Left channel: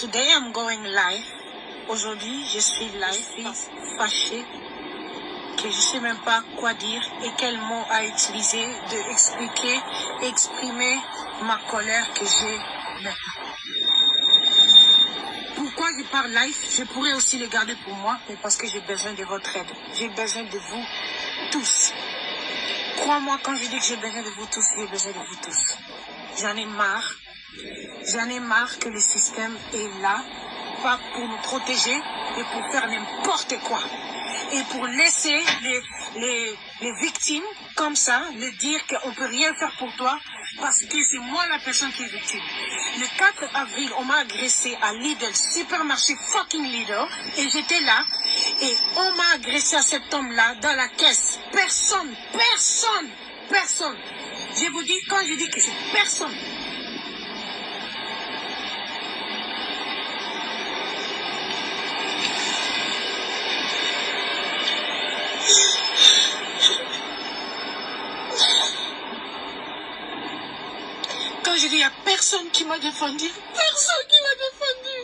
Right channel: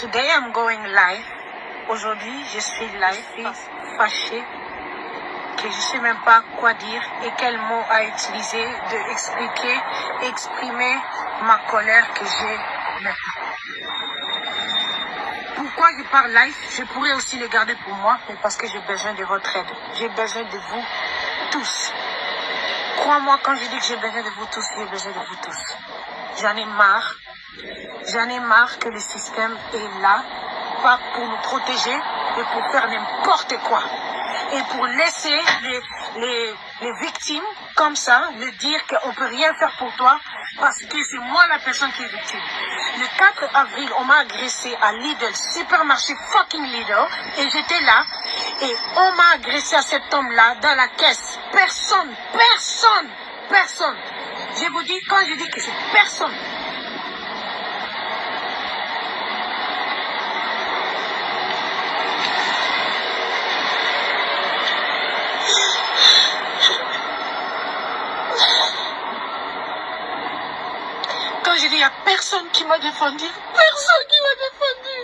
Today I'm going live. Aujourd'hui, je suis live, je suis fâchée, que je ne sais même pas quoi dire et quel mot à utiliser de exprimer ma colère que j'ai maintenant. Pourquoi je parle live? Je pourrais aussi le garder pour moi, mais parce que j'ai besoin de votre aide. J'ai besoin de vous tous. Crois-moi quand je dis que j'ai besoin de vous tous, j'ai besoin de vous tous. J'en ai marre. J'en ai marre que le système est là, pas pour nous protéger, mais pour faire n'importe quoi. Et pour laisser les victimes comme ça, me dire qu'on ne peut rien faire pour toi, parce que c'est moi la personne qui est victime. Le 4 avril, on m'a agressé à Lidl, supermarché fucking Lidl, et j'étais là, et on m'a agressé à cet homme-là dans la caisse. Personne. Je vous dis, quand je dis que c'est personne, quand je dis, il n'y a personne qui m'a défendu. Personne qui m'a défendu.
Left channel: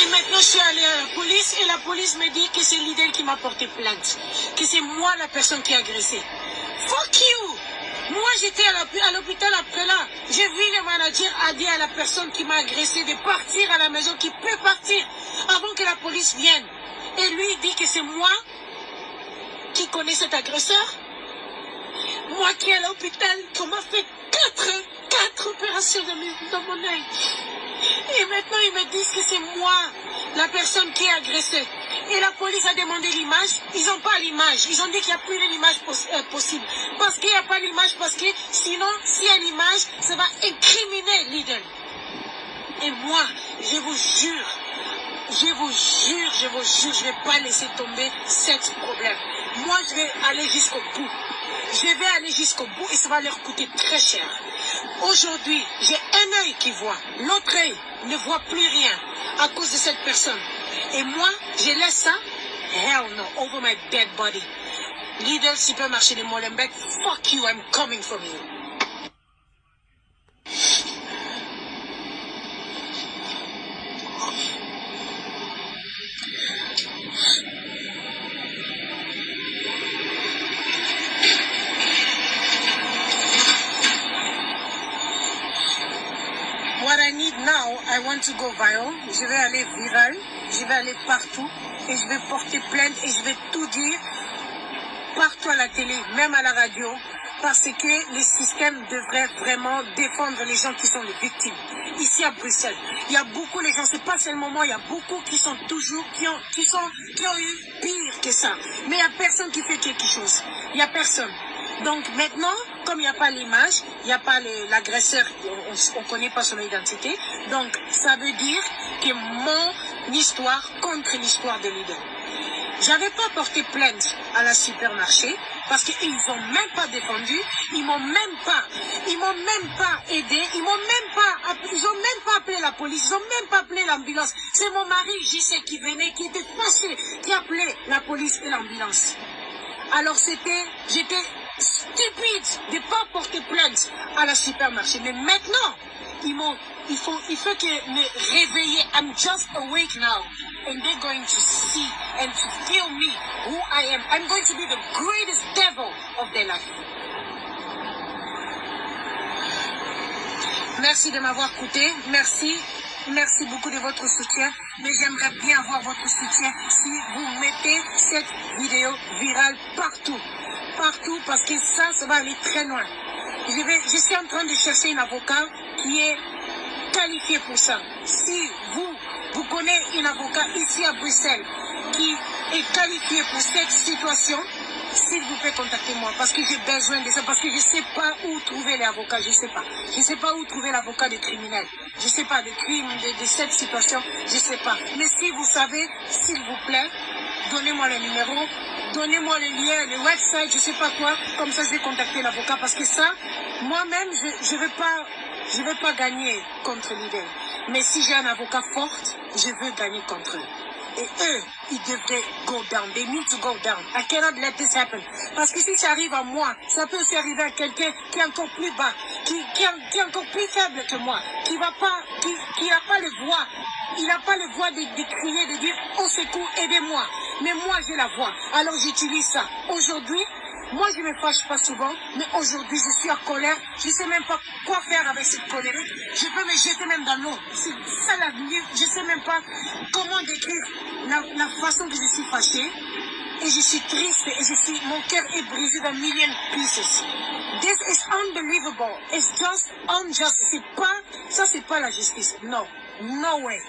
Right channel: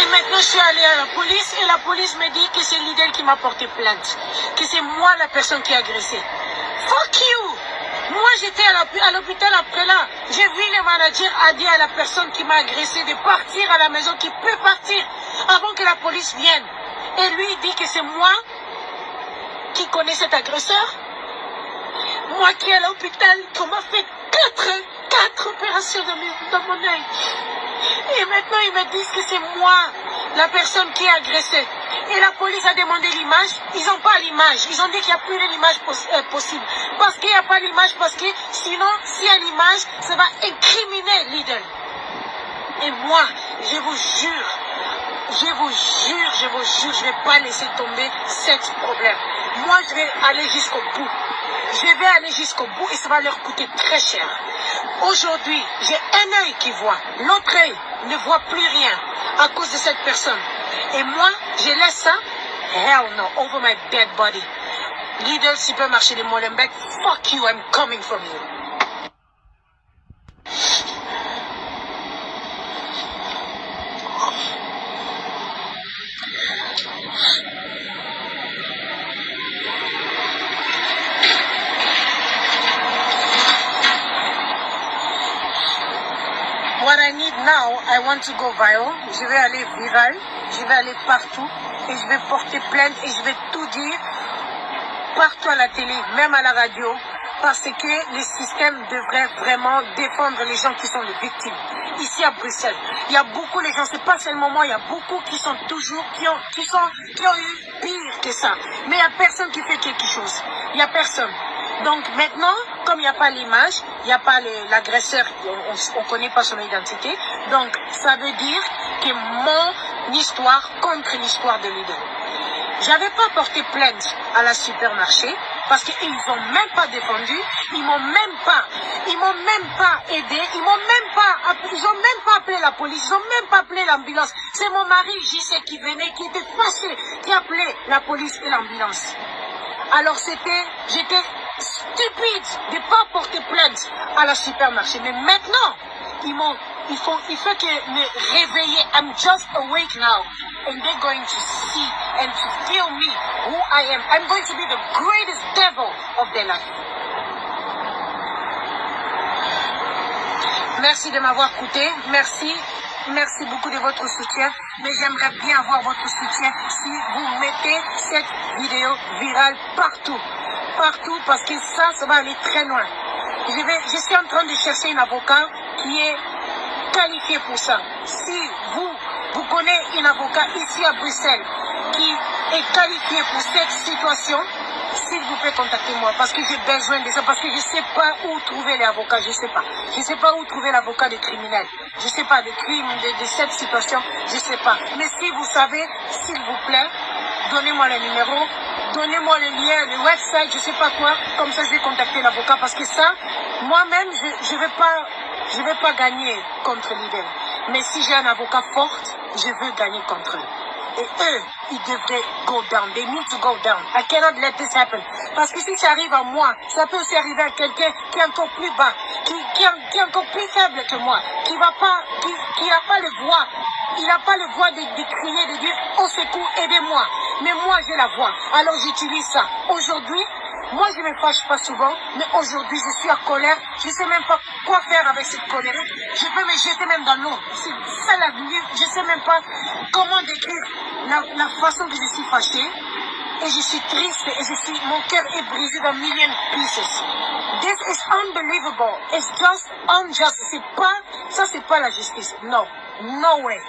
Et maintenant, je suis allée à la police et la police me dit que c'est Lidl qui m'a porté plainte. Que c'est moi la personne qui a agressé. Fuck you! Moi, j'étais à l'hôpital après là. J'ai vu le manager a dit à la personne qui m'a agressé de partir à la maison, qui peut partir avant que la police vienne. Et lui, il dit que c'est moi qui connais cet agresseur. Moi qui est à l'hôpital, qu'on m'a fait 4 opérations dans mon œil. Et maintenant, ils me disent que c'est moi, la personne qui a agressé. Et la police a demandé l'image. Ils n'ont pas l'image. Ils ont dit qu'il n'y a plus l'image possible. Parce qu'il n'y a pas l'image, parce que sinon, s'il y a l'image, ça va incriminer Lidl. Et moi, je vous jure, je ne vais pas laisser tomber ce problème. Moi, je vais aller jusqu'au bout. Je vais aller jusqu'au bout et ça va leur coûter très cher. Aujourd'hui, j'ai un œil qui voit. L'autre œil ne voit plus rien à cause de cette personne. Et moi, je laisse ça, hell no, over my dead body. Lidl, supermarché de Molenbeek, fuck you, I'm coming from you. What I need now, I want to go viral. Je vais aller viral, je vais aller partout et je vais porter plainte et je vais tout dire partout à la télé, même à la radio, parce que le système devrait vraiment défendre les gens qui sont les victimes. Ici à Bruxelles, il y a beaucoup de gens, c'est pas seulement moi, il y a beaucoup qui sont toujours, qui ont eu pire que ça. Mais il n'y a personne qui fait quelque chose. Il n'y a personne. Donc maintenant, comme il n'y a pas l'image, il n'y a pas l'agresseur, on ne connaît pas son identité, donc ça veut dire que mon histoire contre l'histoire de Lidl. J'avais pas porté plainte à la supermarché parce qu'ils n'ont même pas défendu, ils m'ont même pas aidé, ils ont même pas appelé la police, ils ont même pas appelé l'ambulance. C'est mon mari, JC, qui venait, qui était fâché, qui appelait la police et l'ambulance. Alors j'étais stupide de ne pas porter plainte à la supermarché. Mais maintenant, il faut que me réveiller. I'm just awake now. And they're going to see and to feel me, who I am. I'm going to be the greatest devil of their life. Merci de m'avoir écouté. Merci beaucoup de votre soutien. Mais j'aimerais bien avoir votre soutien si vous mettez cette vidéo virale partout. Partout, parce que ça va aller très loin. Je suis en train de chercher un avocat qui est qualifié pour ça. Si vous connaissez un avocat ici à Bruxelles qui est qualifié pour cette situation, s'il vous plaît, contactez-moi, parce que j'ai besoin de ça, parce que je ne sais pas où trouver les avocats, je ne sais pas. Je ne sais pas où trouver l'avocat des criminels. Je ne sais pas, des crimes, de cette situation, je ne sais pas. Mais si vous savez, s'il vous plaît, donnez-moi le numéro, donnez-moi le lien, le website, je ne sais pas quoi, comme ça je vais contacter l'avocat, parce que ça, moi-même, je ne vais pas gagner contre l'idée. Mais si j'ai un avocat fort, je veux gagner contre eux. Et eux, ils devraient go down. They need to go down. I cannot let this happen. Parce que si ça arrive à moi, ça peut aussi arriver à quelqu'un qui est encore plus bas, qui est encore plus faible que moi, qui n'a pas le voix. Il n'a pas le voix de crier, de dire au secours, aidez-moi. Mais moi, j'ai la voix. Alors j'utilise ça. Aujourd'hui, moi, je ne me fâche pas souvent, mais aujourd'hui, je suis en colère. Je ne sais même pas quoi faire avec cette colère. Je peux me jeter même dans l'eau. C'est ça la vie. Je ne sais même pas comment décrire la façon que je suis fâchée. Et je suis triste et mon cœur est brisé dans million pieces. This is unbelievable. It's just unjust. C'est pas la justice. No. No way.